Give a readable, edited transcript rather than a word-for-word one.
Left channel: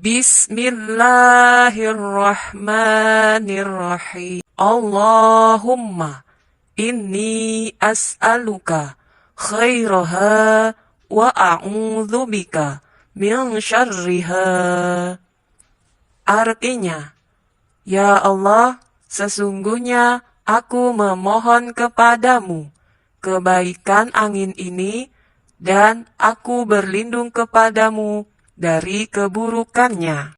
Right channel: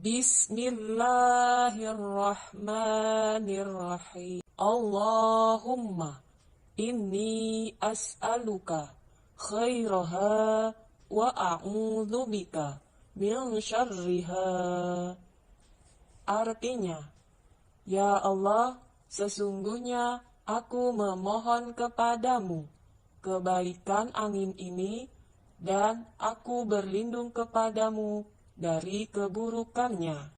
Bismillahirrahmanirrahim. Allahumma inni as'aluka khairaha wa a'udzubika min syarriha. Artinya, ya Allah, sesungguhnya aku memohon kepadamu kebaikan angin ini dan aku berlindung kepadamu dari keburukannya.